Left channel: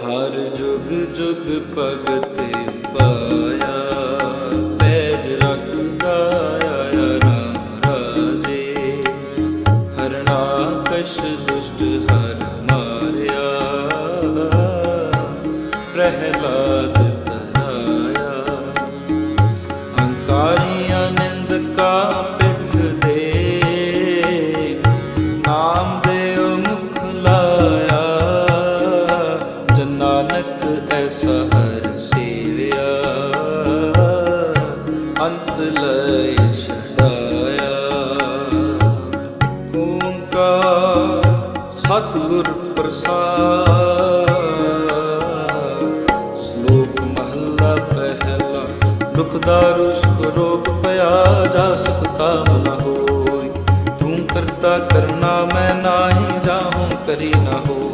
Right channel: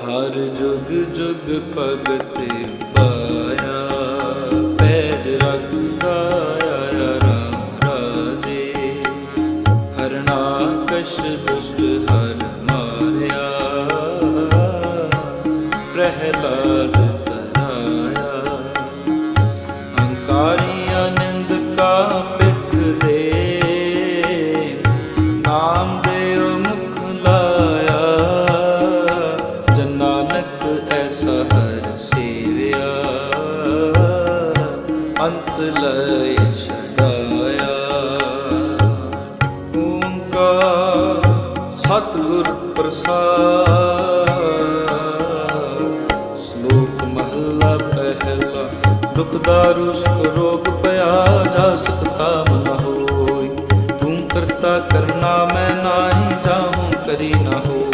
ਹਰ ਜੁਗ ਜੁਗ ਭਗਤੇ ਪਾਇਆ, ਪੈਜ ਰੱਖਦਾ ਆਇਆ ਰਾਮ ਰਾਜੇ। ਹਰਨਾਕਸ਼ ਦੁਸ਼ਟ ਹਰ ਮਾਰਿਆ, ਪ੍ਰਹਿਲਾਦ ਤਰਾਇਆ। ਅੰਕਾਰੀ ਆਨੰਦ ਕਾ ਅੰਤ ਲੈ ਛਡਾਇਆ। ਓੰਕਾਰ ਸਤਿਗੁਰ ਪ੍ਰਸਾਦ। ਸ਼ਲੋਕ ਮਹੱਲਾ ਪਹਿਲਾ, ਦੁਖ ਦਾਰੂ ਸੁਖ ਰੋਗ ਭਇਆ ਜਾ ਸਕਤਾ ਮਨ ਹੋਈ। ਤੂੰ ਕਰਤਾ ਕਰਨਾ, ਮੈਂ ਨਾਹੀ ਜਾਹੂੰ ਕਰੀ ਨਾ ਹੋ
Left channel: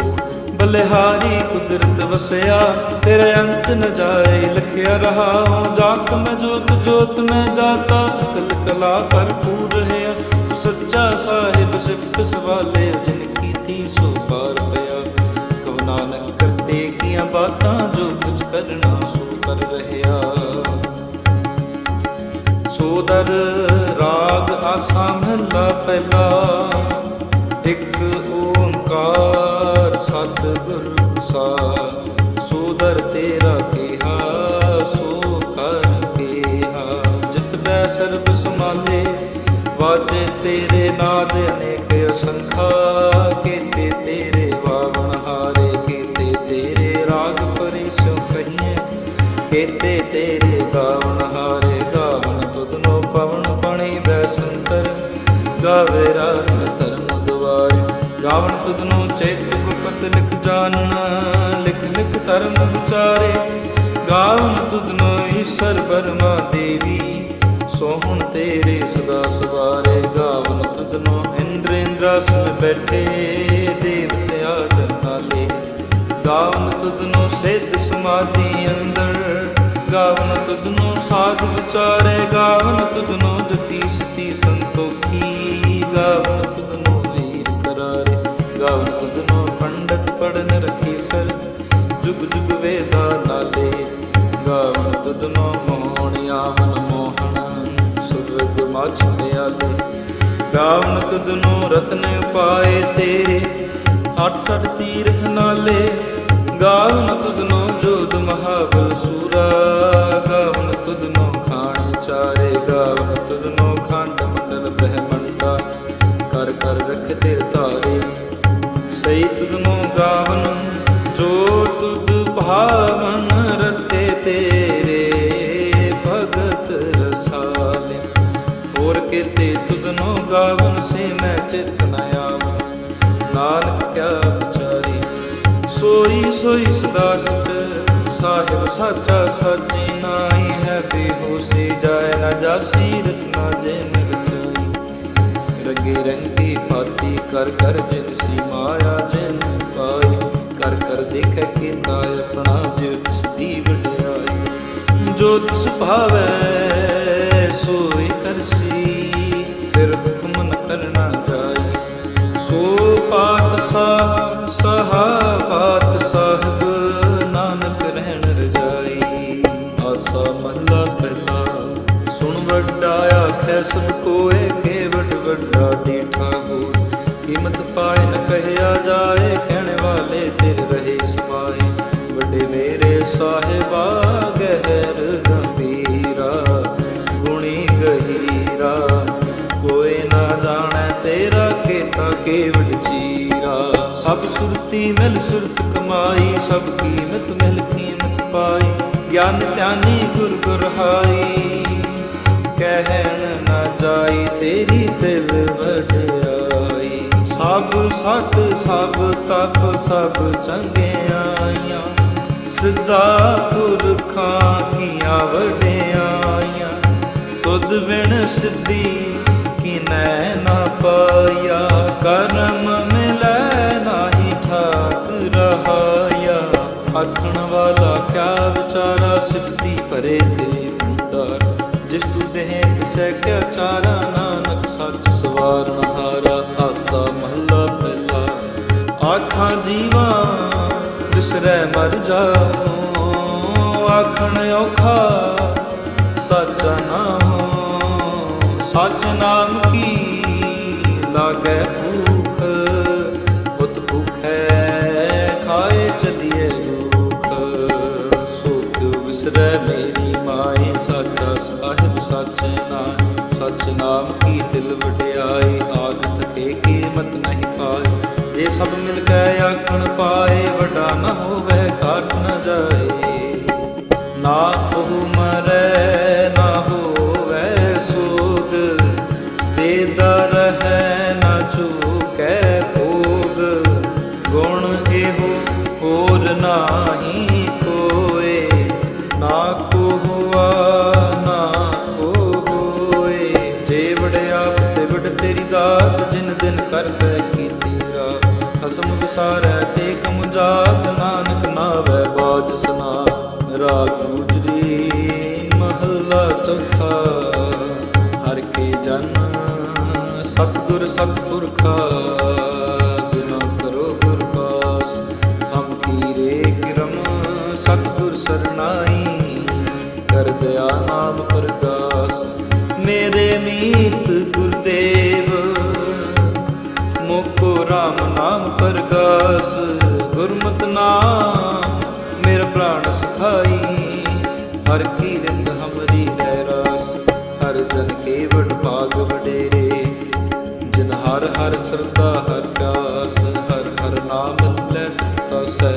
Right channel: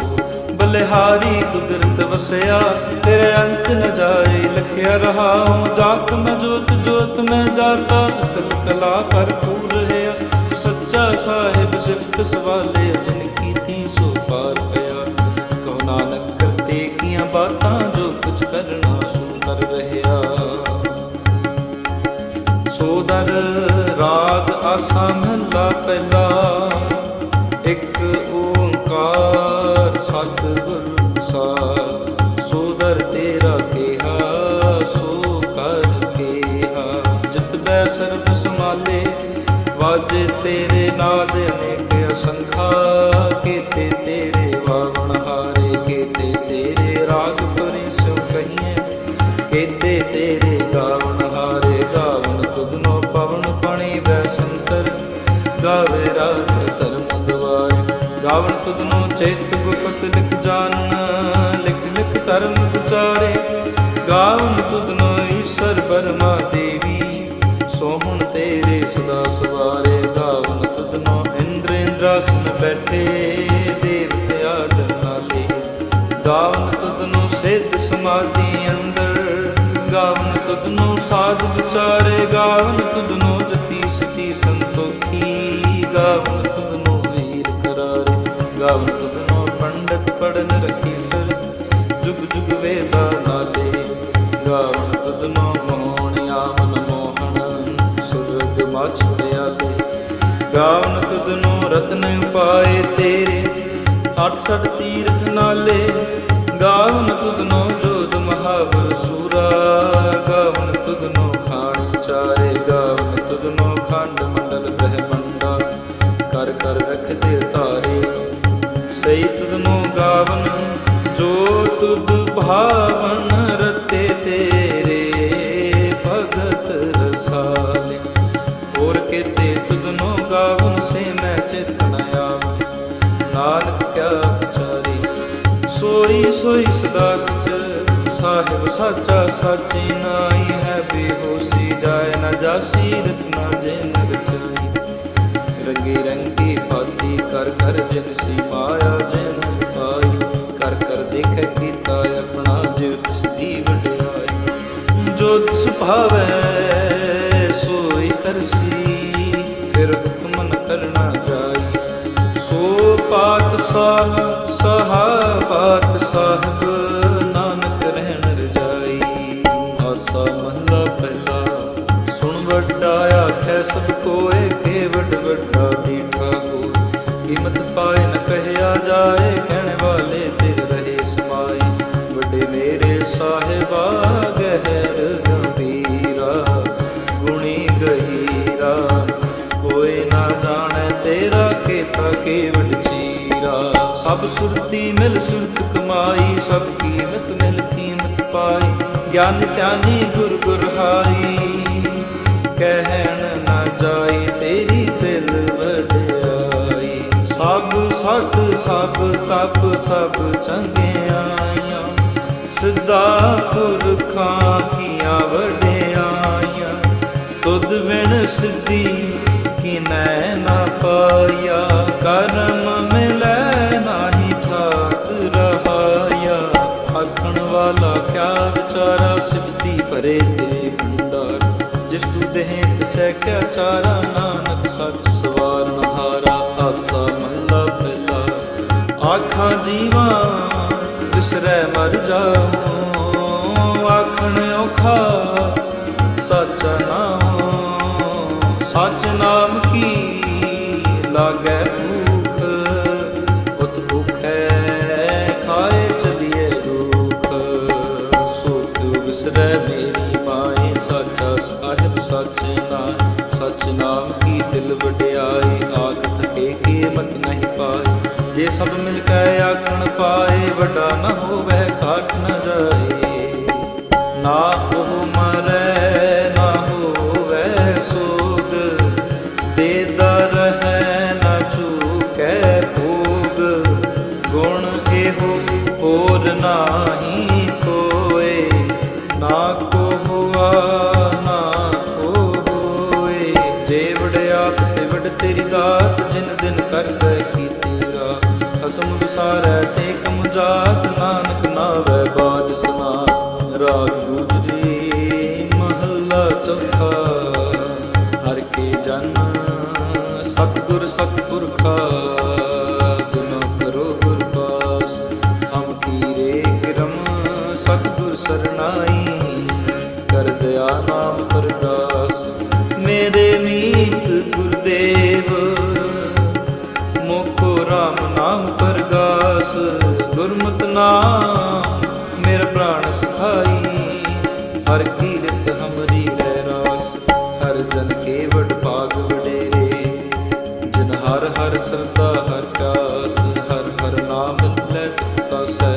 ਬਲਿਹਾਰੀ ਕੁਦਰਤ ਵਸਿਆ, ਤੇਰੇ ਅੰਤ ਨ ਜਾਏ ਲਖਿਆ ਰਹਾ ਹੂੰ ਜਾਤ ਮੈਂ ਜੋਤ ਜੋਤ ਮੈਂ ਜਾਤਾ ਅਕਲ ਕਲਾ ਭਰਪੂਰ ਰਹਿਆ। ਤੂੰ ਸੱਚਾ ਸਾਹਿਬ ਸਿਫਤ ਸਵਾਲੇ ਜਿਨ ਕੀਤੀ ਸੋ ਪਾਰ ਪਿਆ। ਕਹੋ ਨਾਨਕ ਕਰਤੇ ਕੀਆਂ ਬਾਤਾਂ, ਜੋ ਕੁਝ ਕਰਨਾ ਸੋ ਕਰ ਰਹਿਆ। ਸੋਦਰ ਰਾਗ ਆਸਾ ਮਹਲਾ ਪਹਿਲਾ, ਇੱਕ ਓੰਕਾਰ ਸਤਿਗੁਰ ਪ੍ਰਸਾਦ ਸੋਦਰ ਤੇਰਾ ਕਿਹਾ, ਸੋ ਕਰ ਕਿਹਾ। ਜਿਤ ਬੈ ਸਰਬ ਸਮਾਲੇ ਵਾਜੇ ਤੇਰੇ ਨਾਦ ਅਨੇਕ ਅਸੰਖਾ। ਕੀਤੇ ਤੇਰੇ ਵਾਵਣ ਹਾਰੇ, ਕੀਤੇ ਤੇਰੇ ਰਾਗ ਪਰੇ ਸਿਉ ਕਹੀਏ ਕੀਤੇ ਤੇਰੇ ਗਾਵਣ ਹਾਰੇ, ਗਾਵਣ ਤੁਧਨੋ ਪਵਨ ਪਣੀ ਬੈ ਸੰਤਰ। ਗਾਵੇ ਰਾਤ ਧਰਮ ਦੁਆਰੇ। ਗਾਵਣ ਤੁਧਨੋ ਚੇਤ ਗੁਪਤ ਲਿਖ ਜਾਣਨ ਲਿਖ ਲਿਖ ਧਰਮ ਵਿਚਾਰੇ। ਗਾਵਣ ਤੁਧਨੋ ਈਸ਼ਰ ਬਰਮਾ ਦੇਵੀ, ਸੋਹਣ ਤੇਰੇ ਸਦਾ ਸਵਾਰੇ। ਗਾਵਨ ਤੁਧਨੋ ਇੰਦਰ ਇੰਦਰਾਸਨ ਬੈਠੇ ਦੇਵਤਿਆ ਆਦਰ ਨਾਲੇ। ਗਾਵਨ ਤੁਧਨੋ ਸਿੱਧ ਸਮਾਧੀ ਅੰਦਰ ਗਾਵਨ ਤੁਧਨੋ ਸਾਧ ਵਿਚਾਰੇ। ਗਾਵਨ ਤੁਧਨੋ ਜਤੀ ਸਤੀ ਸੰਤੋਖੀ ਗਾਵਨ ਤੁਧਨੋ ਵੀਰ ਕਰਾਰੇ ਗਾਵਨ ਤੁਧਨੋ ਪੰਡਤ ਪੜਨ ਰਖੀ ਸਰ। ਜੁਗ ਜੁਗ ਵੇਦਾ ਨਾਲੇ ਗਾਵਨ ਤੁਧਨੋ ਮੋਹਣਿਆ ਆਮਨ ਮੋਹਣ। ਸੁਰਗ ਮਛ ਪਿਆਲੇ। ਗਾਵਨ ਤੁਧਨੋ ਰਤਨ ਉਪਾਏ ਤੇਰੇ। ਅੱਠ ਸੱਠ ਤੀਰਥ ਨਾਲੇ। ਗਾਵਨ ਤੁਦਨੋ ਜੋਧ ਮਹਾਬਲ ਸੂਰਾ। ਗਾਵਨ ਤੁਧਨੋ ਖਾਣੀ ਚਾਰੇ। ਗਾਵਨ ਤੁਧਨੋ ਖੰਡ ਮੰਡਲ ਬ੍ਰਹਮੰਡਾ। ਕਰ ਕਰ ਰਖਦੇ ਧਾਰੇ। ਸਈ ਤੁਧਨੋ ਗਾਵਨ, ਜੋ ਤੁਧ ਭਾਵਨ ਰਤੇ ਤੇਰੇ। ਭਗਤ ਰਸਾਲੇ, ਹੋਰ ਕੀਤੇ ਤੁਧਨੋ ਗਾਵਨ ਸੇ ਮੈਂ ਚਿਤ ਨ ਆਵਨ। ਨਾਨਕ ਕਿਆ ਵਿਚਾਰੀ ਸੋਈ ਸੋਈ ਸਦਾ ਸਚ ਸਾਹਿਬ ਸਾਚਾ ਸਾਚੀ ਨਾਈ ਹੈ, ਬੇਹੋਸੀ ਜਾਏ ਨਾ ਜਾਸੀ ਰਤਨਾ ਜਿਨ ਰਚਾਈ ਰੰਗੇ ਰੰਗੀ ਭਾਤੀ ਕਰ ਕਰ ਜਿਨ ਸੀ ਮਾਇਆ ਜਨ ਪਾਈ। ਕਰ ਕਰ ਦੇਖੈ ਕੀਤਾ ਆਪਣਾ ਜਿਉ ਤਿਸ ਵਡਿਆਈ। ਜੋ ਤਿਸ ਭਾਵੈ, ਸੋਈ ਕਰਸੀ ਫਿਰ ਹੁਕਮ ਨ ਕਰਨਾ ਜਾਈ। ਸੋ ਪਾਤ ਸਾਹ ਸਹਾ ਪਾਤ ਸਾਹਿਬ ਨਾਨਕ ਰਹਿਣ ਰਜਾਈ। ਆਸਾ ਮਹਲਾ ਪਹਿਲਾ ਸੁਣ ਵੱਡਾ ਆਖੈ ਸਭ ਕੋਏ ਕੇ ਵੱਡਾ ਡੀਠਾ ਹੋ ਕੀਮਤ ਪਾਏ ਨ ਕਹਿਆ ਜਾਏ, ਕਹਿਣ ਵਾਲੇ ਤੇਰੇ ਰਹੇ ਸਮਾਏ। ਵੱਡੇ ਮੇਰੇ ਸਾਹਿਬਾ, ਗਹਿਰ ਗੰਭੀਰਾ, ਗੁਣੀ ਗਹੀਰਾ। ਕੋਈ ਨਾ ਜਾਣੈ ਤੇਰਾ ਕੇਤਾ ਕੇਵਟ ਚੀਰਾ। ਸਭ ਸੁਰਤੀ ਮਿਲ ਸੁਰਤ ਕਮਾਈ, ਸਭ ਕੀਮਤ ਮਿਲ ਕੀਮਤ ਪਾਈ। ਗਿਆਨ ਧਿਆਨੀ ਗੁਰ ਗੁਰਹਾਈ ਕਹਿਣ ਨਾ ਜਾਈ, ਤੇਰੀ ਦਿਲ ਵਡਿਆਈ। ਸਭ ਸਤ, ਸਭ ਤਪ, ਸਭ ਚੰਗਿਆਈਆਂ। ਸਿੱਧਾ ਪੁਰਖਾਂ ਕੀਆਂ ਵਡਿਆਈਆਂ। ਤੁਧ ਵਿਣ ਸਿੱਧੀ ਕਿਨੈ ਨਾ ਪਾਇਆ। ਕਰਮ ਮਿਲੈ ਨਾਹੀ ਠਾਕ ਰਹਾਇਆ। ਆਖਣ ਵਾਲਾ ਕਿਆ ਵਿਚਾਰਾ ਸਿਫਤੀ ਭਰੇ ਤੇ ਭੰਡਾਰ। ਜਿਸ ਤੂੰ ਦੇਹ ਤਿਸੈ ਕਿਆ ਚਾਰਾ ਨਾਨਕ ਸੱਚ ਸਵਾਰਨ ਹਾਰਾ, ਆਸਾ ਮਹੱਲਾ ਪਹਿਲਾ। ਆਖਾਂ ਜੀਵਾਂ, ਜਿਸ ਮਰ ਜਾਉ, ਆਖਣ ਔਖਾ ਸੱਚਾ ਨਾਮ ਸੱਚ ਨਾਮ ਕੀ ਲਾਗੈ ਭੂਖ, ਉਤ ਭੁਖੈ ਵਿਸਰੈ ਮੇਰੀ ਮਾਏ ਸਾਚਾ ਸਾਹਿਬ ਸੱਚ ਨਾਮ ਸੱਚ ਨਾਮ ਕੀ ਦਿਲ ਵਡਿਆਈ ਆਖ ਥਕੇ ਕੀਮਤ ਨਹੀਂ ਪਾਏ। ਜੇ ਸਭ ਮਿਲ ਕੇ ਆਖਣ ਪਾਏ, ਵੱਡਾ ਨਾ ਹੋਵੇ ਕਾਟ ਨਾ ਜਾਏ। ਨਾ ਉਹ ਮਰੈ, ਨਾ ਹੋਵੇ ਸੋਗ ਦੇ ਦਰ ਹੈ, ਨਾ ਚੂਕੈ ਭੋਗ। ਗੁਣ ਇਹੋ ਹੋਰ ਨਾਹੀ ਕੋਏ। ਨਾ ਕੋ ਹੁਆ, ਨਾ ਕੋ ਹੋਏ। ਜੇ ਵਡਿਆਪ ਤੇ ਵਡ ਤੇਰੀ ਦਾਤ, ਜਿਨ ਦਿਨ ਕਰਦਾ ਕੀਤੀ ਰਾ ਖਸਮ ਵਿਸਾਰੈ ਤੇ ਕਮ ਜਾਤ, ਨਾਨਕ ਨਾਵੈ ਬਾਜ ਸੁਨਾ ਰਾਗ ਗੁਜਰੀ ਮਹੱਲਾ ਚੌਥਾ। ਹਰ ਕੇ ਜਨ ਸਤਗੁਰ ਸਤਿਪੁਰਖਾ ਬਿਨੋ ਕਰੋ ਗੁਰ ਪਾਸ। ਹਮ ਕੀਰੇ ਕਿਰਮ ਸਤਿਗੁਰ ਸਰਨਾਈ, ਕਰ ਦਿਆ ਨਾਮ ਪਰਗਾਸ ਮੇਰੇ ਮੀਤ ਗੁਰਦੇਵ ਮੋਕੋ RAM ਨਾਮ ਪਰਗਾਸ। ਗੁਰਮਤਿ ਨਾਮ ਮੇਰਾ ਪ੍ਰਾਣ ਸਖਾਈ, ਹਰ ਕੀਰਤ ਹਮਰੀ ਰਹਿ ਰਾਸ। ਹਰ ਜਨ ਕੇ ਵਡ ਭਾਗ ਵਡੇਰੇ, ਜਿਨ ਹਰ ਹਰ ਸਰਦਾ ਹਰ ਪਿਆਸ। ਹਰ ਹਰ ਨਾਮ ਲੈ ਤਸੈ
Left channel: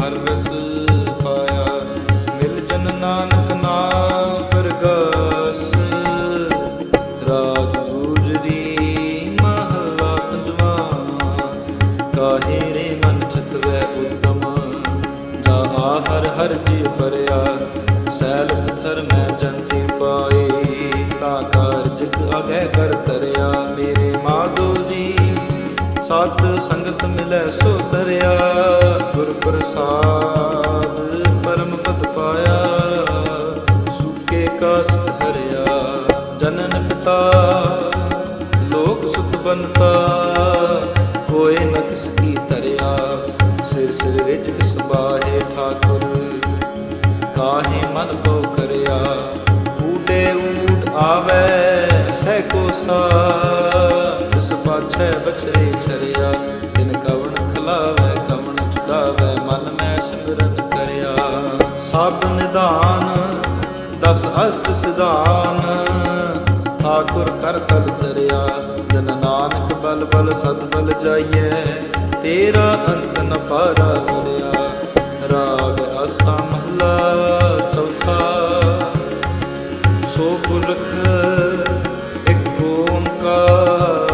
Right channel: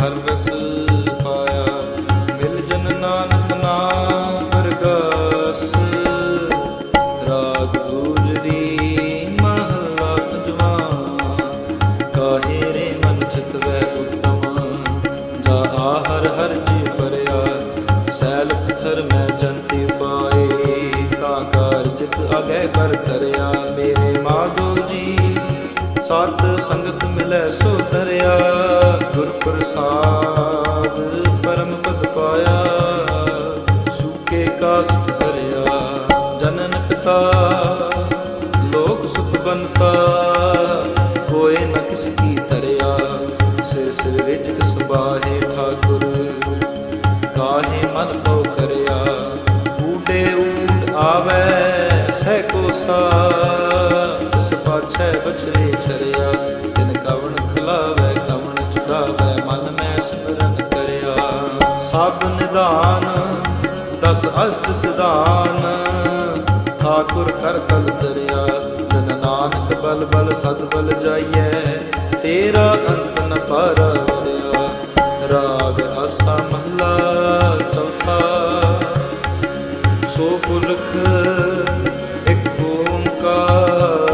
ਹਰ ਰਸ ਪਾਇਆ, ਮਿਲ ਜਨ ਨਾਨਕ ਨਾਮ ਪਰਗਾਸ। ਰਾਗ ਗੁਜਰੀ ਮਹਲਾ ਪੰਜਵਾ, ਕਾਹੇ ਰੇ ਮਨ ਚਿਤਵੈ ਉਤਮ? ਜਾ ਆਹਰ ਹਰ ਜੀ ਪਰਿਆ, ਸੈਲ ਪਥਰ ਮੈਂ ਜੰਤੀ ਪਾਏ। ਤਾਂ ਕਾਰਜਕ ਅਗੈ ਕਰ ਤਰਿਆ, ਮੇਰੇ ਮਾਧੋ ਜੀ ਸਤ ਸੰਗਤ ਮਿਲੈ ਸੋ ਤਰਿਆ ਗੁਰ ਪ੍ਰਸਾਦ ਪਰਮ ਪਦ ਪਾਇਆ। ਸੁਕੇ ਕਾਸਟ ਹਰਿਆ ਜਨਨ ਪਿਤਾ। ਲੋਕ ਸੁਤ ਬਨਤਾ ਕੋਏ ਨ ਕਿਸ ਕੀ ਤਰਿਆ ਸਿਰ ਸਿਰ ਰਿਜਕ ਸਬਾਹੇ ਠਾਕੁਰ, ਕਾਹੇ ਮਨ ਪਉ ਕਰਿਆ। ਊਡੇ ਊਡ ਆਵੇ, ਸਹਿ ਕੋ ਸਾ ਪਾਛੈ ਬਛਰੇ ਛਰਿਆ ਦਿਨ ਕਵਣ ਖਲਾਵੇ, ਕਵਣ ਚੁਕਾਵੇ, ਮਨ ਮੈਂ ਸਿਮਰਨ ਕਰਿਆ। ਸਭ ਨਿਧਾਨ, ਦਸ ਅਸ਼ਟ ਸਿਧਾਨ, ਠਾਕੁਰ ਕਰ ਤਲ ਤਰਿਆ ਜਨ ਨਾਨਕ ਬਲ ਬਲ ਸਦ ਬਲ ਜਾਈਐ, ਤੇਰਾ ਅੰਤ ਨ ਪਾਰਾ ਵਰਿਆ ਰਾਗ ਆਸਾ ਮਹਲਾ ਚੌਥਾ, ਸੋ ਪੁਰਖ ਇੱਕ ਓੰਕਾਰ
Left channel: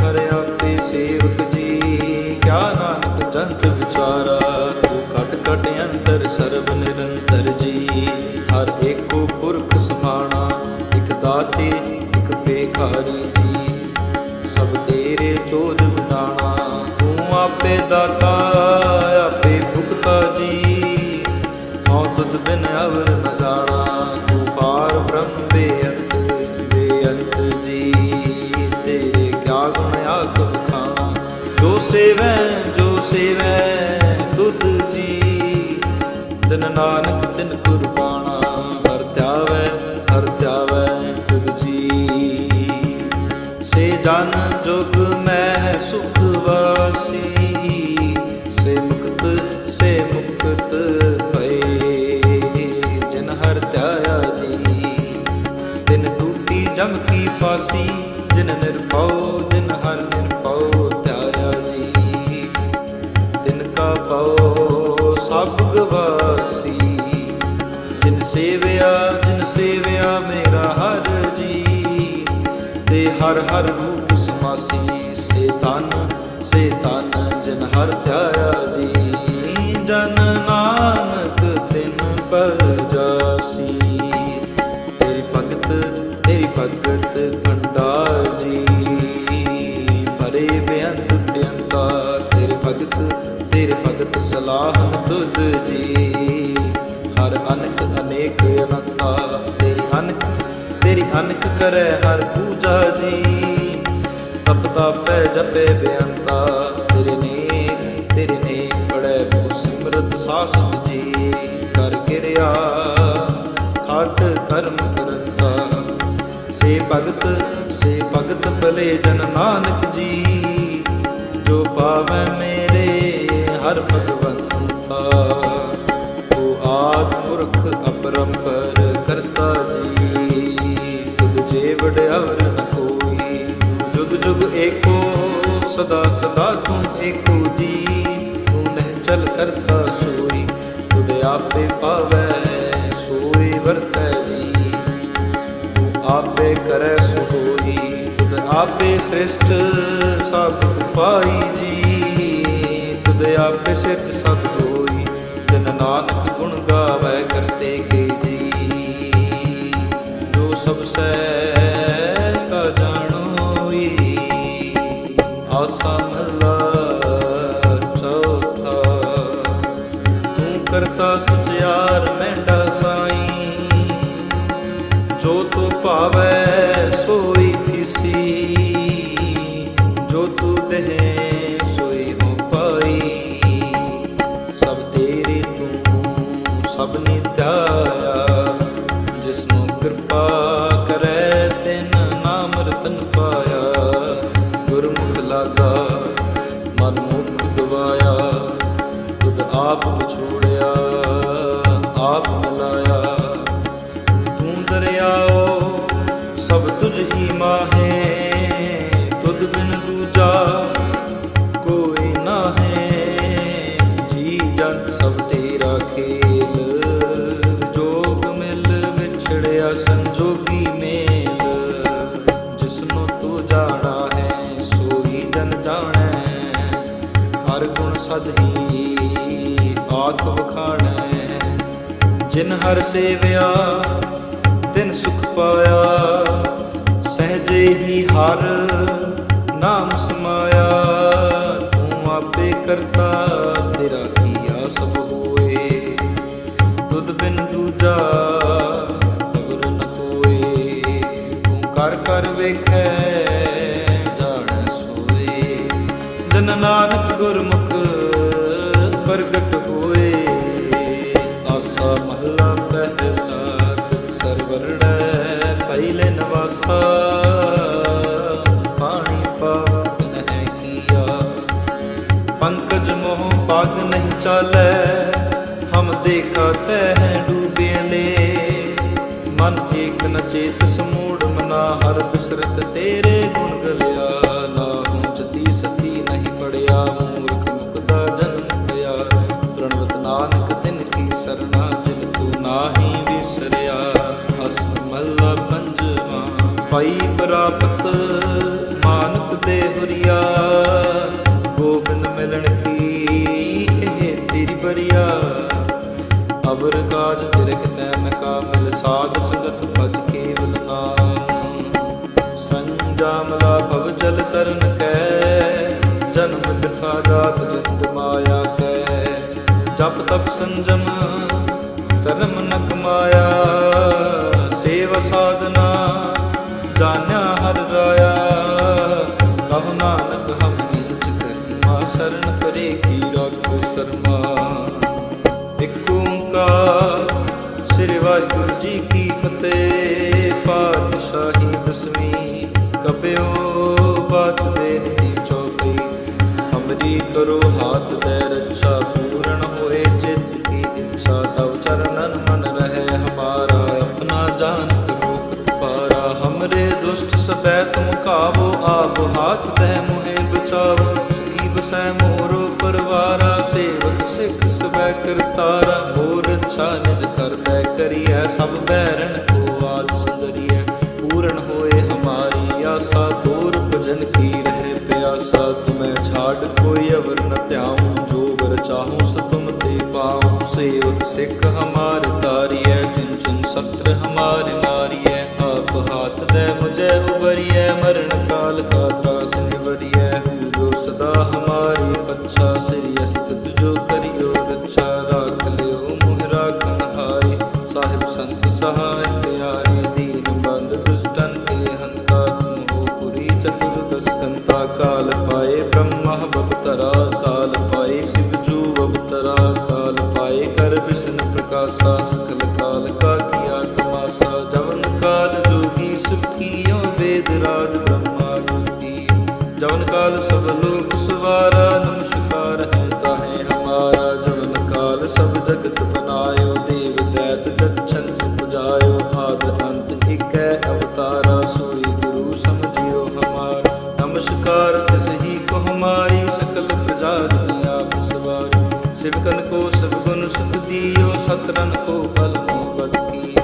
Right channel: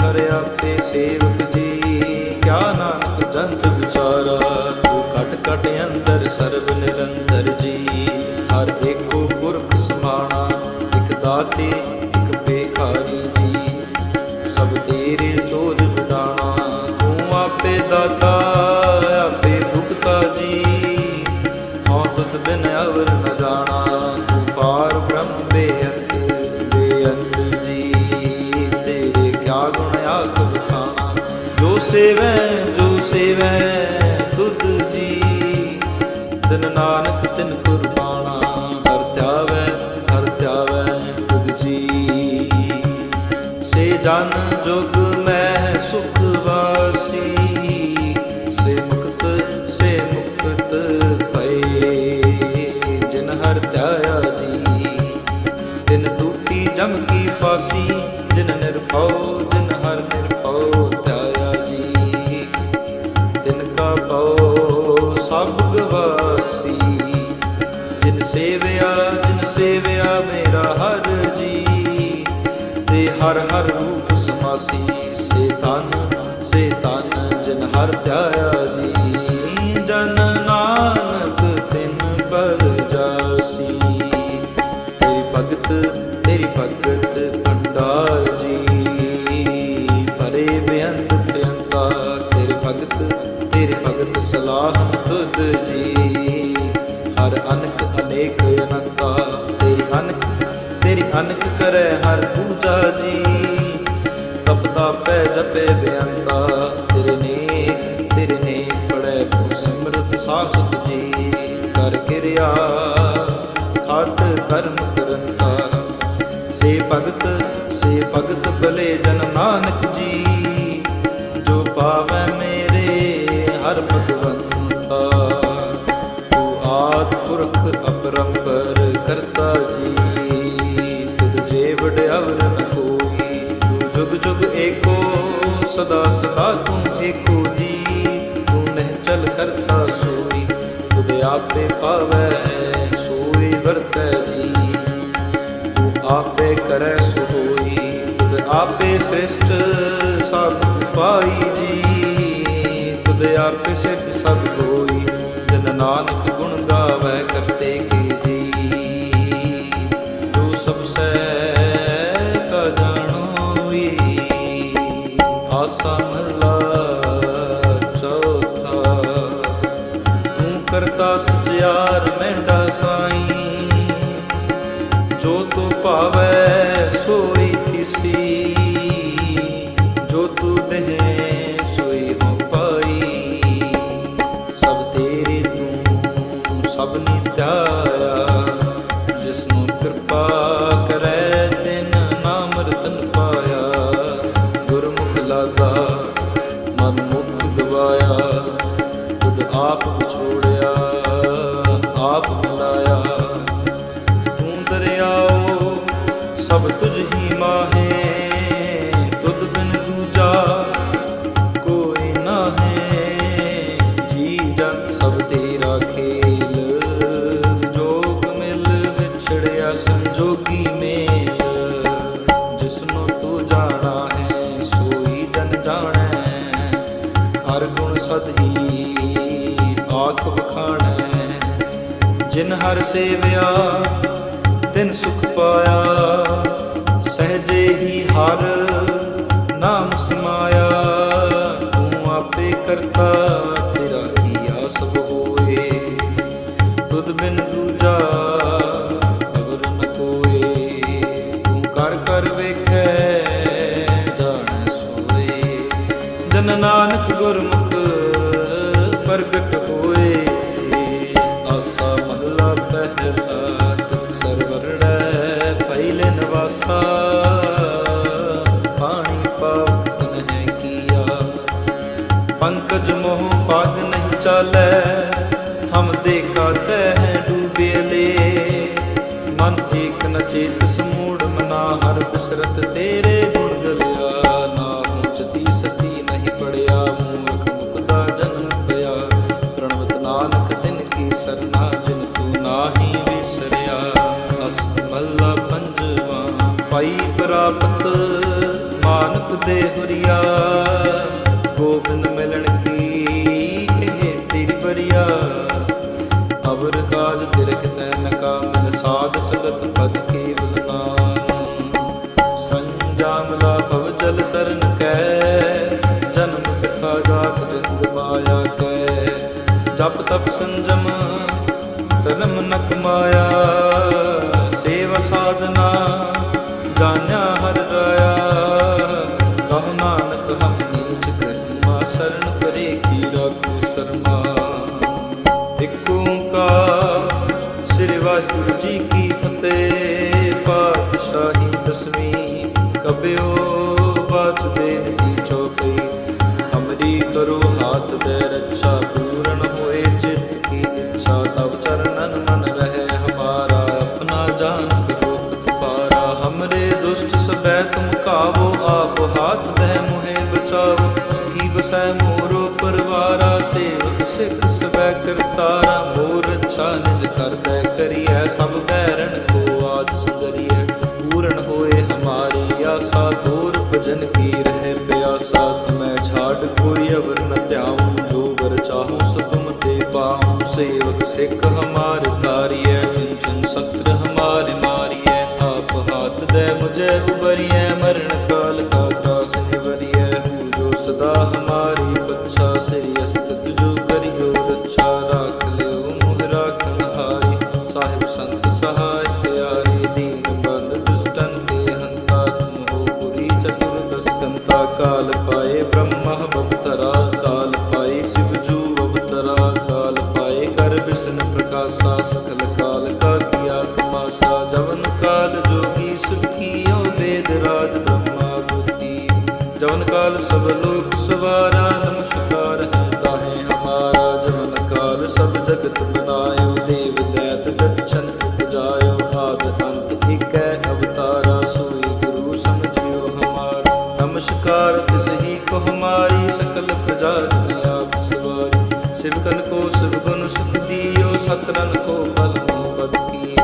ਹਰਿ ਆਪੇ ਸੇਵਕ ਜੀ। ਕਿਆ ਨਾਨਕ ਜੰਤ ਵਿਚਾਰਾ, ਤੂੰ ਘਟ ਘਟ ਅੰਦਰ ਸਰਬ ਨਿਰੰਤਰ ਜੀ। ਹਰ ਏਕੋ ਪੁਰਖ ਸਮਾਣਾ, ਇਕ ਦਾਤੇ, ਇਕ ਬੇਖਾਰੀ ਜੀ। ਸਭ ਤੇਰੇ ਚੋਜ ਵਡਾਣਾ, ਤੂੰ ਆਪੇ ਦਾਤਾ, ਆਪੇ ਭੁਗਤਾ ਜੀ। ਹਉ ਤੁਧ ਬਿਨ ਅਵਰ ਨ ਜਾਣਾ, ਤੂੰ ਪਾਰ ਬ੍ਰਹਮ ਬੇਅੰਤ ਸੇਵੈ, ਜੋ ਸੇਵੈ ਤੁਧ ਜੀ। ਤਿਨ ਨਾਨਕ ਤਿਨ ਕੁਰਬਾਨਾ, ਹਰ ਧਿਆਵੈ ਹਰ ਧਿਆਵੈ ਤੁਧ ਜੀ। ਸੇ ਜਨ ਜੁਗ ਮਹਿ ਸੁਖ ਵਾਸੀ, ਸੇ ਮੁਕਤ ਸੇ ਮੁਕਤ ਪਏ ਜਿਨ ਹਰ ਧਿਆਇਆ ਜੀ, ਤਿਨ ਟੂਟੀ ਜਮ ਕੀ ਫਾਸੀ, ਜਿਨ ਨਿਰਭਉ, ਜਿਨ ਹਰ ਨਿਰਭਉ ਪਉ ਸਭ ਗਵਾਸੀ। ਜਿਨ ਸੇਵਿਆ ਜਿਨ ਸੇਵਿਆ ਮੇਰਾ ਹਰ ਜੀ। ਤੇ ਹਰ ਹਰ ਰੂਪ ਸਮਾਸੀ, ਸੇ ਤਨ ਸੇ ਤਨ ਜਿਨ ਹਰ ਧਿਆਇਆ ਜੀ। ਜਨ ਨਾਨਕ ਤਿਨ ਬਲ ਜਾਸੀ। ਤੇਰੀ ਭਗਤ ਤੇਰੀ ਭਗਤ ਭੰਡਾਰ ਜੀ। ਭਰੇ ਬੇਅੰਤ ਪ੍ਰਿਯੰਤਾ ਤੇਰੇ ਭਗਤ ਤੇਰੇ ਭਗਤ ਸਲਾਹਨ ਤੁਧ ਜੀ। ਹਰ ਅਨਕ ਅਨੇਕ ਅਨੰਤਾ, ਤੇਰੀ ਅਨਕ ਤੇਰੀ ਅਨਕ ਕਰੈ ਹਰ ਪੂਜਾ ਜੀ। ਤਪ ਤਾਪੈ ਜਪੇ ਬੇਅੰਤਾ, ਤੇਰੇ ਨੇਕ ਤੇਰੇ ਨੇਕ ਪੜੈ ਬਹੁ ਸਿਮਰਤ ਸਾਸਤ ਜੀ। ਕਰ ਕਿਰਿਆ, ਖਾਟ ਕਰਮ ਕਰੰਤਾ। ਸੇ ਭਗਤ ਸੇ ਭਗਤ ਭਲੇ ਜਨ ਨਾਨਕ ਜੀ। ਜੋ ਪਾਵੈ ਮੇਰੇ ਹਰ ਭਗਵੰਤਾ। ਤੂੰ ਆਦ ਪੁਰਖ ਅਪਰੰਪਰ ਕਰਤਾ ਜੀ। ਤੁਧ ਜੇ ਵਡਿਆਵਰ ਨ ਕੋਈ। ਤੂੰ ਜੁਗ ਜੁਗ ਏਕੋ, ਸਦਾ ਸਦਾ ਤੂੰ ਏਕੋ ਜੀ ਤੂੰ ਨਹਿ ਕਰਤਾ ਸੋਈ, ਤੁਧ ਆਪੇ ਪਾਵੈ, ਸੋਈ ਵਰਤੈ ਜੀ। ਤੂੰ ਆਪੇ ਕਰੈ ਸੋ ਹੋਈ, ਤੁਧ ਆਪੇ ਸ੍ਰਿਸ਼ਟ ਸਭ ਪਾਈ ਜੀ। ਤੁਧ ਆਪੇ ਸਿਰਜ ਸਭ ਹੋਈ ਜਨ ਨਾਨਕ ਗੁਣ ਗਾਵੈ ਕਰਤੇ ਕੇ ਜੀ। ਜੋ ਸਭ ਸੈ ਕਾ ਜਾਣੋਈ, ਆਸਾ ਮਹਲਾ ਚੌਥਾ। ਤੂੰ ਕਰਤਾ ਸੁਚਿਆਰ ਮੈਂਡਾ ਸਾਈ, ਜੋ ਤੂੰ ਭਾਵੈ ਸੋਈ ਥਿਸੀ, ਜੋ ਤੂੰ ਦੇਹ ਪਾਈ। ਸਭ ਤੇਰੇ ਤੂੰ, ਸਭ ਨੇ ਧਿਆਇਆ। ਜਿਸ ਨੂੰ ਕਿਰਪਾ ਕਰੈ, ਤਿਨ ਨਾਮ ਰਤਨ ਪਾਇਆ। ਗੁਰਮੁਖ ਲਾਗਾ, ਮਨ ਮੁਖ ਗਵਾਇਆ। ਤੁਧ ਆਪ ਵਿਛੋੜਿਆ, ਆਪ ਮਿਲਾਇਆ। ਤੂੰ ਦਰਿਆਓ, ਸਭ ਤੁਝ ਹੀ ਮਾਹੇ। ਤੁਧ ਬਿਨ ਦੂਜਾ ਸਭ ਤੇਰਾ ਖੇਲ। ਜੋਗ ਮਿਲ ਵਿਛੜਿਆ ਸੰਜੋਗੀ ਮੇਲ। ਜਿਸਨੂੰ ਤੂੰ ਜਾਣਾ ਹੈ, ਸੋਈ ਜਨ ਜਾਣੈ। ਹਰ ਗੁਣ ਸਦ ਹੀ ਆਖ ਵਖਾਣੈ। ਜਿਨ ਹਰ ਸੇਵਿਆ, ਤਿਨ ਸੁਖ ਪਾਇਆ। ਸਹਜੇ ਹੀ ਹਰ ਨਾਮ ਸਮਾਇਆ। ਤੂੰ ਆਪੇ ਕਰਤਾ ਤੇਰਾ ਕੀਆ ਸਭ ਹੋਏ, ਤੁਧ ਬਿਨ ਦੂਜਾ ਅਵਰ ਨ ਕੋਏ। ਤੂੰ ਕਰ ਕਰ ਵੇਖੈ, ਜਾਣ ਸੋਏ। ਜਨ ਨਾਨਕ ਗੁਰਮੁਖ ਪ੍ਰਗਟ ਹੋਏ। ਆਸਾ ਮਹਲਾ ਪਹਿਲਾ ਤਿਤ ਸਰਵਰੜੈ ਪਹਿਲੇ ਨਵਾਸਾ। ਪੰਕਜ ਮੋਹ ਪਗ ਨਹੀਂ ਚਾਲੈ, ਹਮ ਦੇਖਾ ਤੈ ਡੂਬੇ ਲੇ। ਮਨ ਏਕ ਨ ਚੇਤ ਸਮੂੜ, ਮਨਾ ਹਰ ਬਿਸਰਤ ਤੇਰੇ ਗੁਣ ਗਲਿਆ। ਨਾ ਹੂੰ ਚਤੀ ਸਤੀ ਨਹੀਂ ਪੜਿਆ, ਮੂਰਖ ਮੁਕਦਾ ਜਨਮ ਪਿਆ। ਪ੍ਰਣਵਤ ਨਾਨਕ ਤਿਨ ਕੀ ਸਰਨਾ, ਜਿਨ ਤੂੰ ਨਾਹੀ ਵਿਸਰਿਆ। ਅਸ ਮੱਲਾ ਪੰਜਵਾ, ਪਾਈ ਪ੍ਰਾਪਤ, ਮਾਨਕ ਦੇ ਹੁਰੀਆ। ਗੋਬਿੰਦ ਮਿਲਣ ਕੀ ਇਹ ਤੇਰੀ ਬਰੀਆ ਅਵਰ ਕਾਜ ਤਿਰ ਕਿਤੈ ਨ ਕਾ ਮਿਲ ਸਾਧ ਸੰਗਤ ਭਜ ਕੇਵਲ ਨਾਮ। ਸੰਜਾਮਲਾ ਭਵ ਜਲ ਤਰਨ ਕੈ, ਜਨਮ ਬਿਰਥਾ ਜਾਤ ਜਿੰਦ ਮਾਇਆ ਕੈ। ਜਪ ਤਪ ਸੰਜਮ, ਧਰਮ ਨਕ ਮਾਇਆ ਸੇਵਾ ਸਾਧਨਾ ਜਾਣਿਆ ਹਰ ਰਾਇਆ। ਕਹੋ ਨਾਨਕ ਹਮ ਨੀਚ ਕਰਮਾ ਸਰਣ ਪਰੇ ਕੀ ਰਾਖੋ ਸਰਮਾ। ਇੱਕ ਓੰਕਾਰ, ਸ੍ਰੀ ਵਾਹਿਗੁਰੂ ਜੀ ਕੀ ਫਤਿਹ। ਪਾਤਸ਼ਾਹੀ ਦਸਵੀਂ ਕਬਿਓ, ਬਾਚ ਦੇ ਦੀ ਚੌਪਈ ਹਮਰੀ ਕਰੋ ਹਾਥ ਦੇ ਰੱਛਾ ਪੂਰਨ ਹੋਏ, ਚਿੱਤ ਕੀ ਇੱਛਾ ਤਵ ਚਰਨਨ ਮਨ ਰਹੇ। ਹਮਾਰਾ ਆਪਣਾ ਜਾਨ ਕਰੋ ਪਤਪਾਰਾ ਹਮਰੇ ਦੁਸ਼ਟ ਸਬੈ ਤੁਮ ਕਾਵੋ, ਆਪ ਹਾਥ ਦੇ ਮੁਹੇ ਬਚਾਵੋ। ਕੀ ਮੋਰੋ ਪਰਵਾਰਾ, ਸੇਵਕ ਸਿੱਖ ਸਬੈ ਕਰਤਾਰਾ, ਮੋਰ ਅੱਛਾ ਨਿਜ ਕਰਦੈ ਕਰੀਐ ਸਭ ਬੈਰਨ ਕੋ ਆਜ ਸੰਗਰੀਐ ਪੂਰਨ ਹੋਏ ਹਮਾਰੀ ਆਸਾ ਤੋਰ ਭਜਨ ਕੀ ਰਹੇ ਪਿਆਸਾ। ਤੁਮੈ ਛਾੜ ਕੋਈ ਅਵਰ ਨ ਧਿਆਉ, ਜੋ ਵਰ ਚਾਹੂੰ ਸ ਤੁਮ ਤੇ ਪਾਉ। ਸੇਵਕ ਸਿੱਖ ਹਮਾਰੇ ਤਾਰੀਐ ਚੁਨ ਚੁਨ ਸਤਰ ਹਮਾਰੇ ਮਾਰੀਐ ਹਾਥ ਦੇ ਮੁਝੇ ਉਬਰੀਐ, ਮਰਨ ਕਾਲ ਕਾ ਤਰਾਸ ਨਿਵਰੀਐ। ਹੂ ਜੋ ਸਦਾ ਹਮਾਰੀ ਪੱਛਾ, ਸ੍ਰੀ ਅਸਤ ਜੋ ਕਰਿਓ ਰੱਛਾ। ਰਾਖ ਲਿਓ ਮੁਹ ਰਾਖਨ ਹਾਰੀ ਸਾਹਿਬ ਸੰਤ ਸਹਾਇ ਪਿਆਰੇ। ਦੀਨ ਬੰਦ ਦੁਸ਼ਟਨ ਕੇ ਹੰਤਾ ਤੁਮ ਪੁਰੀ ਚਤੁਰਦਸ ਕੰਤਾ ਕਾਲ ਪਾਏ, ਬ੍ਰਹਮਾ ਬਵਤਰਾ ਕਾਲ ਪਾਏ, ਸਿਵ ਜੂ ਤਰਾ ਕਾਲ ਪਾਏ ਕਰ ਬਿਸ਼ਨ ਪ੍ਰਕਾਸ਼ਾ, ਸਕਲ ਕਾਲ ਕਾ ਕੀਆ ਤਮਾਸਾ। ਜਵਨ ਕਾਲ ਜੋਗੀ ਸੁਖ ਵੇਦ ਰਾਜ ਬ੍ਰਹਮਾ ਗੁਤੀ ਜਵਨ ਕਾਲ ਸਭ ਲੋਕ ਸਵਾਰਾ, ਨਮਸਕਾਰ ਹੈ ਤਾਹੇ ਹਮਾਰਾ। ਜਵਨ ਕਾਲ ਸਭ ਜਗਤ ਬਨਾਇਓ, ਦੇਵ ਦੈਤ ਦਛਨ ਉਪਜਾਇਓ। ਆਦ ਅੰਤ ਇਕੈ ਅਵਤਾਰਾ, ਸੋਈ ਗੁਰੂ ਸਮਝਿਓ ਹਮਾਰਾ। ਨਮਸਕਾਰ ਤਿਸ ਹੀ ਕੋ ਹਮਾਰੀ, ਸਕਲ ਪ੍ਰਜਾ ਜਨ ਆਪ ਸਵਾਰੀ। ਸਿਵਕਨ ਕੋ ਸਭ ਸੁਖ ਦੀਓ ਸਤਰਨ ਕੋ ਬਲ ਮੋ ਬਦ ਕੀ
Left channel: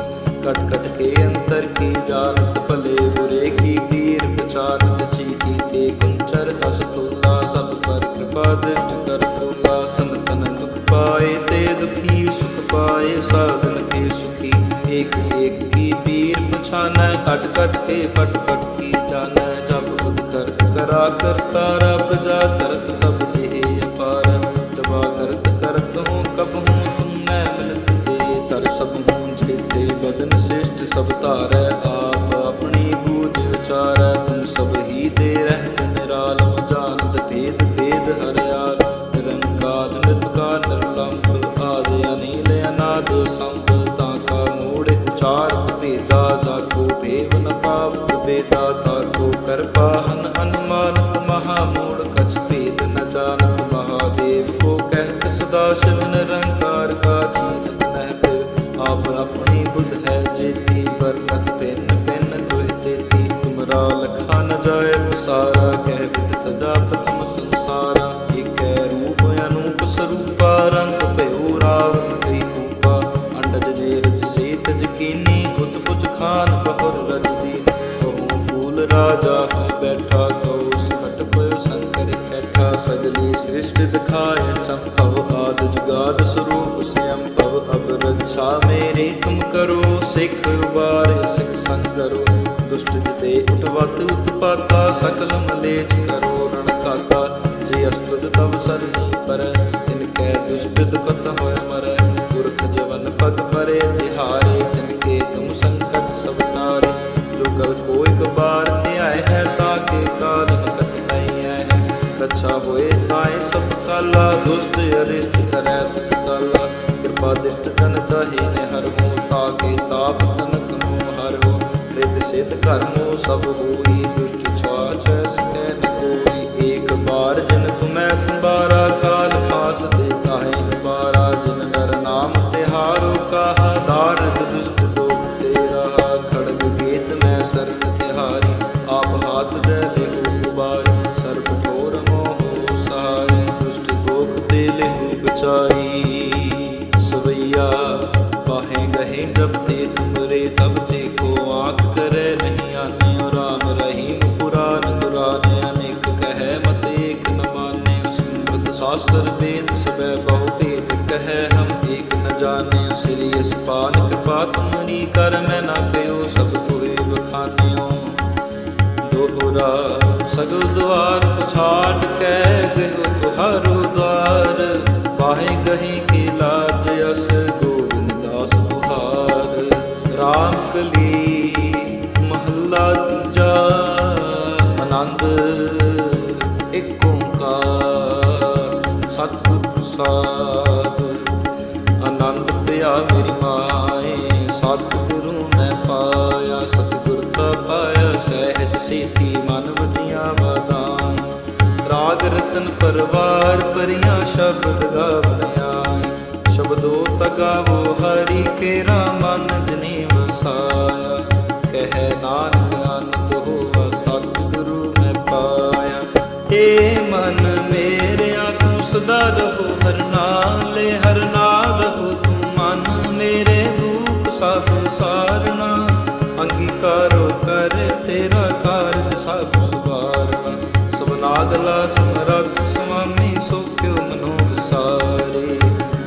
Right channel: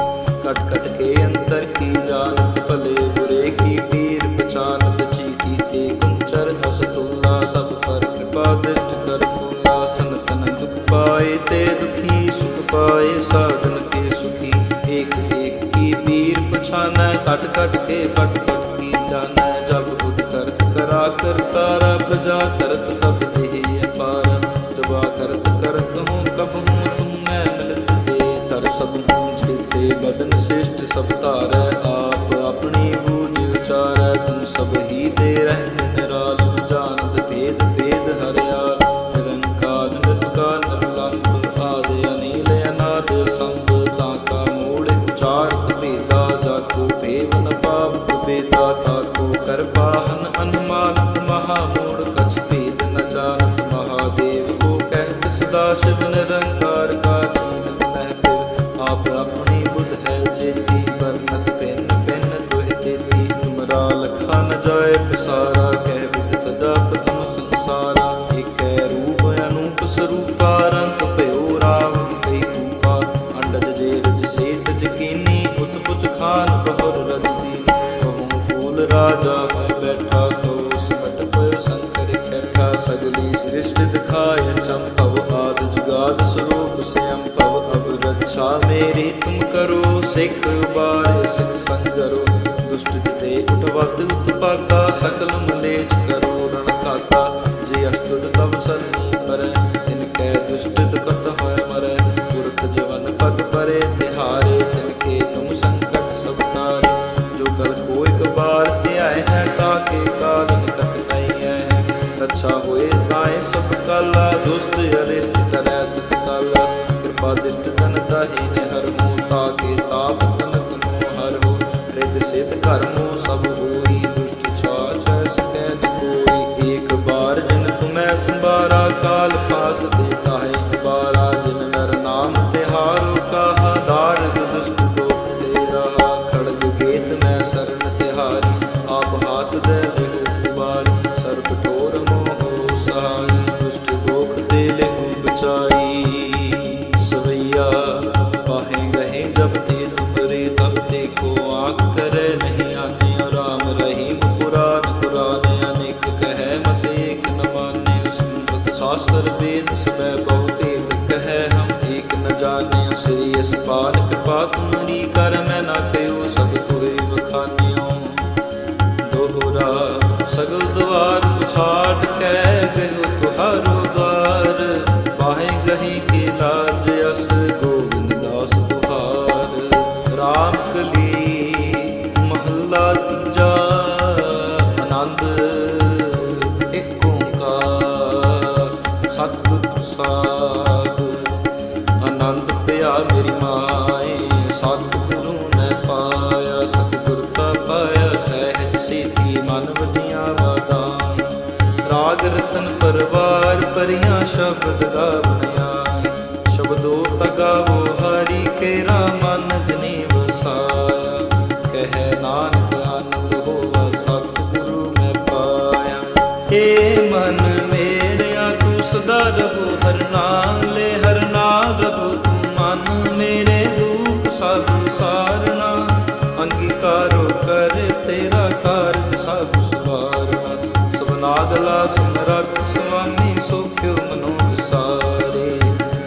ਕਟ ਕਟ ਕੇ ਅੰਤਰ ਕੀ ਜਾਣਤ ਭਲੇ, ਬੁਰੇ ਕੀ ਪੀਰ ਪਛਾਨਤ ਚੀਕੀ ਤੇ ਕੁੰਚਰ ਅਸਤੂਲਾ ਸਭ ਪਰ ਕਿਰਪਾ ਦ੍ਰਿਸ਼ਟ ਕਰ ਫੂਲਾ। ਸੰਤਨ ਦੁਖ ਪਾਏ ਤੇ ਦੁਖੀ, ਸੁਖ ਪਾਏ ਸਾਧਨ ਕੇ ਸੁਖੀ। ਏਕ ਏਕ ਕੀ ਪੀਰ ਪਛਾਨੈ, ਕਟ ਕਟ ਕੇ ਪਟ ਪਟ ਕੀ ਜਾਣੈ। ਜਬ ਬੁਧ ਕਰਤ ਕਰਾ ਕਰਤਾਰਾ, ਪ੍ਰਜਾ ਕਰਤ ਤਬ ਦੇਹ ਅਪਾਰ। ਜਬਾ ਕਰਤ ਕਰਤ ਹੂੰ, ਕਬ ਹੂੰ ਤੁਮ ਮੈਂ ਮਿਲਤ ਦੇ ਤਰ ਸਭ ਹੂੰ ਜੀਤੇ ਬਦਨ ਸ੍ਰਿਸ਼ਟ ਸਭ ਧਾਰੈ ਆਪ। ਆਪਣੀ ਬੂਝ ਉਚਾਰੈ, ਤੁਮ ਸਭ ਹੀ ਦੇ ਰਹਿਤ ਨਿਰਾਲਮ ਜਾਣਦ ਭੇਦ ਭੇਦ ਹਰਿਆਲ ਨਿਰੰਕਾਰ ਨਿਰਭਕਾਰ, ਨਿਰਲੰਭ ਆਦ ਅਨੀਲ ਅਨਾਦ ਸੰਭ। ਤਾਂ ਮੂੜ ਉਚਾਰਤ ਭੇਦਾ ਜਾ ਭੇਵ ਨ ਪਾਵਤ ਬੇਦਾ ਤਾ ਕੋ ਕਰਪਾਹਨ ਅਨੁਮਾਨਤ ਮਹਾ ਮੂੜ ਕਛ ਭੇਦ ਨ ਜਾਣਤ ਮਹਾਦੇਵ ਕੋ ਕਹਿਤ ਸਦਾ ਸ਼ਿਵ ਨਿਰੰਕਾਰ ਕਾ ਚੀਨਤ ਨਹਿ ਪਿਵ। ਆਪ ਆਪਣੀ ਬੁੱਧ ਹੈ ਜੇਤੀ ਵਰਨਤ ਪਿੰਨ ਪਿੰਨ ਦੁਹਿ ਤੇਤੀ। ਤੁਮਰਾ ਲਖਾ ਨ ਜਾਏ ਪਸਾਰਾ, ਕਹਿ ਵਿਦ ਸਦਾ ਪ੍ਰਥਮ ਸੰਸਾਰਾ। ਏਕੈ ਰੂਪ ਅਨੂਪ ਸਰੂਪਾ, ਰੰਗ ਭਇਓ ਉਤਪੁਜ ਖਾਨ ਬਹੁਰ ਰਜ ਦੀਨ। ਕਹੂੰ ਫੂਲ ਰਾਜਾ ਹੈ, ਬੈਠਾ ਕਉ ਸਿਮਟ ਪਇਓ ਸੰਕਰ ਕੈਠਾ ਸਗਲੀ ਸ੍ਰਿਸ਼ਟ ਦਿਖਾਇ ਚੰਪਵ ਆਦ ਜੁਗਾਦ ਸਰੂਪ ਸਿਅੰ ਭਵ ਅਬ ਰੱਛਾ ਮੇਰੀ ਤੁਮ ਕਰੋ, ਸਿੱਖ ਉਬਾਰ ਸਿੱਖ ਸੰਗਰੋ। ਦੁਸ਼ਟ ਜਿਤੇ ਉਠਵਤ ਉਤਪਾਤਾ, ਸਕਲ ਮਲੇਚ ਕਰੋ ਰਣ ਕਾਤਾ ਜੇ ਅਸਤੁਦ ਤਬ ਸਰਨੀ ਪਰ, ਤਿਨ ਕੈ ਦੁਸ਼ਟ ਦੁਖਤ ਹੋਇ ਮਰੈ। ਪੁਰਖ ਜਵਨ ਪਗ ਪਰੇ ਤਿਹਾਰੇ, ਤਿਨ ਕੇ ਤੁਮ ਸੰਕਟ ਸਭ ਤਾਰੇ ਜੋ ਗਲ ਕੋ ਇਕ ਬਾਰ ਧਿਆਏ ਹੈ ਤਾਕੇ ਕਾਲ ਨਿਕਟ ਨਹੀਂ ਹੈ। ਰੱਛਾ ਹੋਏ ਤਾਏ ਸਭ ਕਾਲਾ, ਦੁਸ਼ਟ ਅਰਿਸ਼ਟ ਕਰੈ ਤੁਤ ਕਾਲਾ। ਕਿਰਪਾ ਦਿਸ਼ਟ ਤਨ ਤਾਹੀ ਨੇ ਹਰ ਹੂੰ ਤਾਕੇ ਤਾਪ ਤਨਕ ਨੂੰ ਹਰ ਹੋ। ਰਿਦ ਸਿਧ ਕਰਮੋ ਸਭ ਹੋਈ ਦੁਸ਼ਟ ਸਕੈ ਨ ਕੋਈ ਏਕ ਬਾਰ ਜਿਨ ਤੁਮੈ ਸੰਭਾਰਾ ਕਾਲ ਫਾਸ ਦੇਤਾ ਹੈ ਜਿਨ ਨਰ ਨਾਮ ਤਿਹਾਰੋ ਕਾਹਾ ਦਾਰਦ ਦੁਸ਼ਟ ਦੋਖ ਤੇ ਰਹਾ ਖੜਗ ਗੇਤ ਮੈਂ ਸਰਨ ਤਿਹਾਰੀ, ਆਪ ਹਾਥ ਦੇ ਲਿਹੋ ਉਬਾਰ ਸਰਬ ਠੋਰ ਮੋਹ ਸਹਾਈ ਦੁਸ਼ਟ ਦੋਖ ਤੇ ਲਿਹੋ ਬਚਾਈ, ਸਵਈਆ ਪਾਹੇ ਗਹੇ ਜਬ ਤੇ ਤੁਮਰੇ ਤਬ ਤੇ ਕੋ ਆਖ ਕਰੈ ਨਹੀਂ ਆਨੇ ਰਾਮ ਰਹੀਮ। ਪੁਰਾਨ ਕੁਰਾਨ ਅਨੇਕ ਕਹੈ ਮਤ ਏਕ ਨ ਮਾਨੇ। ਸਮ੍ਰਤ ਸ਼ਾਸਤਰ ਵੇਦ ਸਬੈ ਬਹੁ ਭੇਦ ਕਹੈ ਹਮ ਏਕ ਨ ਜਾਣਿ ਸ੍ਰੀ ਅਸਪਾਨ ਕਿਰਪਾ ਤੁਮਰੀ ਕਰ ਮੈਂ ਨਾ ਕਹਿਓ, ਸਭ ਤੋਏ ਬਖਾਨਿਓ ਦੋਹਰਾ ਸਗਲ ਦਵਾਰ ਪੁਛਾੜ ਕੈ ਗਇਓ ਤੁਹਾਰੋ ਦਵਾਰ। ਬਾਹੇ ਗਹੀ ਕੇ ਲਾਜ ਅਸ ਗੋਬਿੰਦ ਦਾਸ ਤੁਹਾਰ RAM ਕਲੀ, ਮਹੱਲਾ ਤੀਜਾ, ਆਨੰਦ ਏਕ ਓੰਕਾਰ, ਸਤਿਗੁਰ ਪ੍ਰਸਾਦ। ਆਨੰਦ ਪਿਆ ਮੇਰੀ ਮਾਏ, ਸਤਿਗੁਰੂ ਮੈਂ ਪਾਇਆ, ਸਤਿਗੁਰ ਤਾ ਪਾਇਆ, ਸਹਿਜ ਸੀਤੀ ਮਨ ਵਜੀਆਂ ਵਾਦਾਈ ਰਾਗ ਰਤਨ ਪਰਵਾਰ, ਪਰੀਆਂ ਸ਼ਬਦ ਗਾਵਣ ਆਏ। ਸ਼ਬਦੋ ਤਗਾਵੋ, ਹਰੀ ਕੇਰਾ ਮਨ ਜਨੀ ਵਸਾਇਆ ਕਹਿ ਨਾਨਕ ਆਨੰਦ ਹੋਵਾ, ਸਤਿਗੁਰੂ ਮੈਂ ਪਾਇਆ। ਏ ਮਨ ਮੇਰਿਆ, ਤੂੰ ਸਦਾ ਰਹੋ, ਹਰ ਨਾਲੇ ਹਰ ਨਾਲ ਰਹੋ। ਤੂੰ ਮਨ ਮੇਰੇ ਦੁੱਖ ਸਭ ਸਾਰਨਾ। ਅੰਗੀਕਾਰੋ ਕਰ ਤੇਰਾ ਕਾਰਜ ਸਭ ਸਵਾਰਨਾ। ਸਬਨਾਗਲਾ ਸਮਰੱਥ ਸੁਆਮੀ ਸੋਖਿਓ ਮਨੋ ਸਾਰੇ।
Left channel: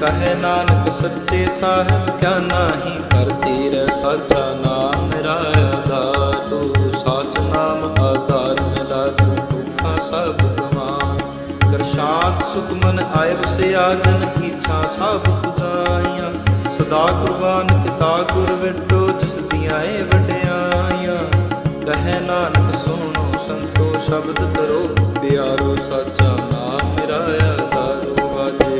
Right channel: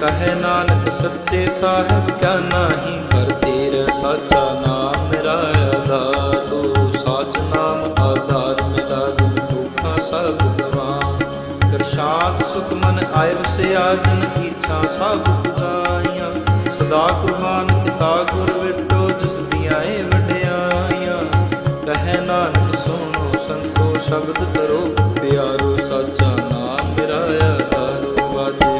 ਕਹੇ ਨਾਨਕ ਸੱਚੇ ਸਾਹਿਬ, ਕਿਆ ਨਾਹੀ ਕਰ ਤੇਰਾ ਸਾਚਾ ਨਾਮ ਮੇਰਾ ਆਧਾਰ। ਤੂੰ ਸਾਚ ਨਾਮ ਆਧਾਰ ਮੇਰਾ ਦਿਨ ਦੁੱਖਾਂ ਸਭ ਗਵਾਨ। ਕਰ ਸੁਖਮਨ ਸੁਖ ਆਏ ਵਸਿਆ ਜਨ ਇੱਛਾ ਸਭ ਪੁਜਾਈਆਂ। ਸਦਾ ਕੁਰਬਾਨ ਕੀਤਾ ਗੁਰ ਵਿਟੋ, ਜਿਸ ਦੀਆਂ ਏ ਵਡਿਆਈਆਂ। ਕਹੇ ਨਾਨਕ, ਸੁਣੋ ਸੰਤੋ, ਸ਼ਬਦ ਤਰੋ ਪਿਆਰੋ ਸਾਚਾ ਨਾਮ ਮੇਰਾ ਆਧਾਰੋ। ਵਾਜੇ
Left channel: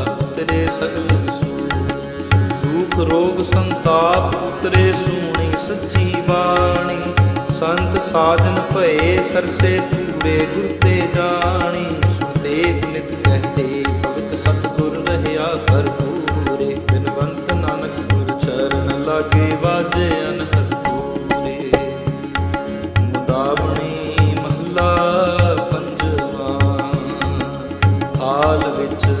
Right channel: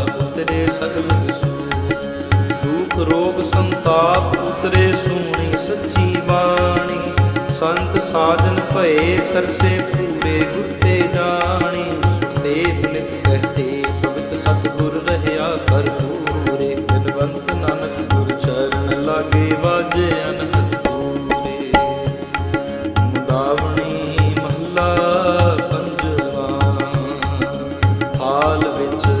ਉਤਰੇ ਸਗਲ ਵਿਸੂ ਦੁਖ ਰੋਗ ਸੰਤਾਪ ਉਤਰੇ ਸੂਣੀ ਸੱਚੀ ਬਾਣੀ। ਸੰਤ ਸਾਜਨ ਭਏ ਸਰਸੇ ਪੂਰੇ ਗੁਰ ਤੇ ਜਾਣੀ। ਸੁਣਦੇ ਪੁਨਿਤ ਕਹਤੇ, ਪਵਿੱਤ ਸਤਿਗੁਰ ਰਹਿਆ ਭਰਪੂਰੇ ਬਿਨਵੰਤ ਨਾਨਕ ਗੁਰ ਚਰਨ ਲਾਗੇ ਵਾਜੇ ਅਨਹਦ ਪੂਰੇ। ਮੁਦਾਵਣੀ ਮਹੱਲਾ ਪੰਜਵਾ। ਹਾਲ ਵਿੱਚ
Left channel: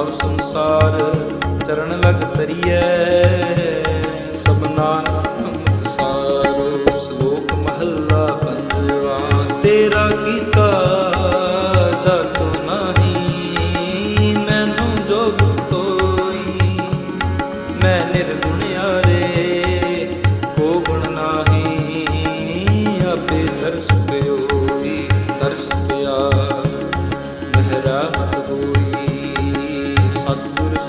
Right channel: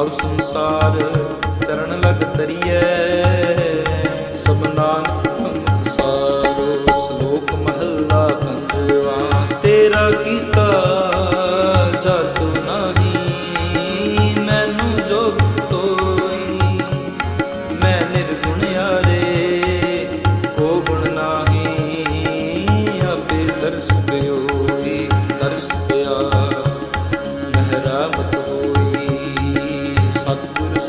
ਤਬ ਸੰਸਾਰ ਚਰਨ ਲਗ ਤਰੀਐ ਸਭ ਨਾਨਕ ਮੁਖ ਸਾਰੋ, ਸ਼ਲੋਕ ਮਹੱਲਾ ਪੰਜਵਾ। ਤੇਰਾ ਕੀਤਾ ਜਾਤੋ ਨਹੀਂ, ਮੈਨੂੰ ਜੋਗ ਤੋਈ। ਮੈਂ ਨਿਰਗੁਣ ਆਰੇ ਕੋ ਗੁਣ ਨਾਹੀ, ਆਪੇ ਦਰਸ ਪਿਓ